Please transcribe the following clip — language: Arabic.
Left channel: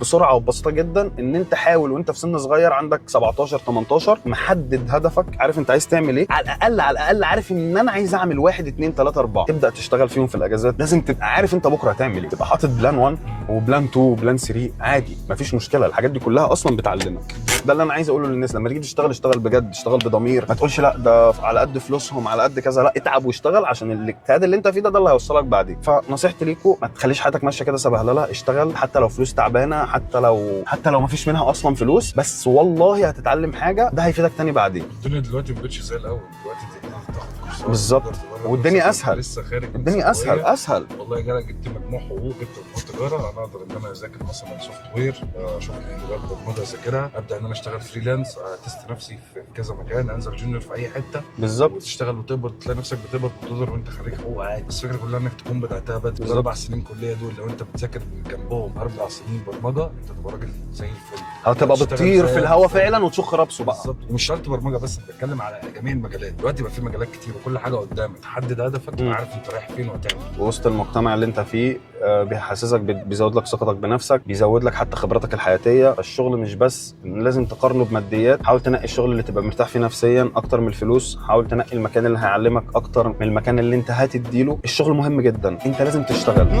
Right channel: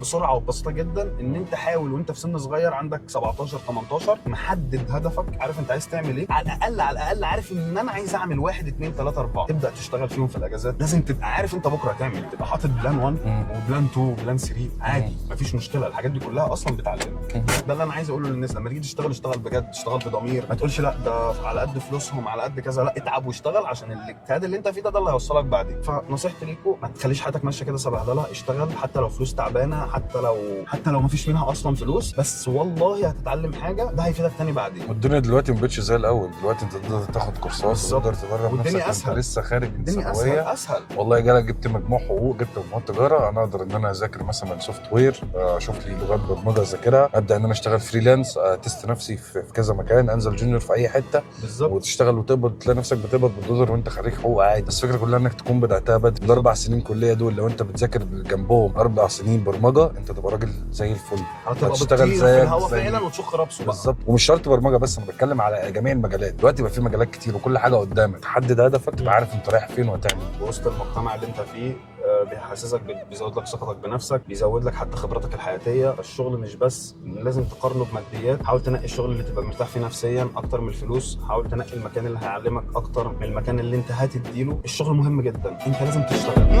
بسرعه وبسيطه جدا ان انت حاول وانت في سن صغير عندك 17 18 محدد هدفك، عارف انت عايز تعمل ايه، على الاقل عارف ان انا عايز اعمل 1 2 3 4 تبدا تشتغل فيهم في الاجازات. لازم تبقى عارف انت بكره هتعمل ايه، تبقى حاطط بلان 1 وبلان 2 وبلان 3 عادي مفيش مشكله. الحاجات دي كلها اصلا بتعلمك. ده اللي انا عايز اقوله للناس، لما تيجي تشتغل اشتغل بجد، اشتغل بضمير، ما تقولش لا ده على قد فلوسهم على قد كذا، لا اتعب واشتغل عشان الاجتهاد اللي انت فيه ده اللي هيوصلك بعدين. فنصيحتي ليكم ما تخليش حياتك ماشيه كده سبهلله، اشتغل حتى لو فلوس تعبانه، حتى لو ما فيش منها اصلا فلوس، بس والله هتتعلم حاجه ده هيفيدك تاني بعدين. والدنيا دلوقتي ما بقتش زي الاول، دلوقتي انت تقدر تاخد كورسات بالظبط، والدنيا اسهل، لسه خارج الدنيا اسهل. والله جالك جبت مجموع حقوق، جبت مجموع تجاره، انا اقدر ان انا اذاكر مثلا سوفت وير، اشوف لي لغات برمجه اذاكرها، ابدا ان انا اشتغل فريلانس، تست نفسي في كذا مكان، انزل جونيور في اي حته بالظبط، وتشتغل وتقبض، تلاقي نفسك بتقبض بالدولار وانت خريج حقوق عادي. بس الفكره كلها انك تكون بداتها بدري. الاربع سنين كليه دول لو انت بتذاكر جنبهم 4 سنين برمجه، انت تبقى راجل زي الفل، هتبقى بتطير في الهواء فعلا وتشخ رابسه بقى. بالظبط. ومش شرط برمجه بس، انا بتكلم على جميع المجالات. دلوقتي بقى في مجالات كتير وكل حاجه قدامك، تحدد هدفك تبقى عارف انت رايح فين وهتعمل وسط المجتمع اللي انت فيه بيحسسك، بيزود لك ثقتك بنفسك، بيزود لك حتى خبراتك الحياتيه. الشغل مش بس لازم تقارنه بماديات، حاول تنقي الشغل اللي تبقى مرتاح فيه نفسيا اكتر من الفلوس، حاول تنقي المكان اللي هيعلمك اكتر من المكان اللي انت هتديله. الشغل مهم جدا، انت لازم تشتغل.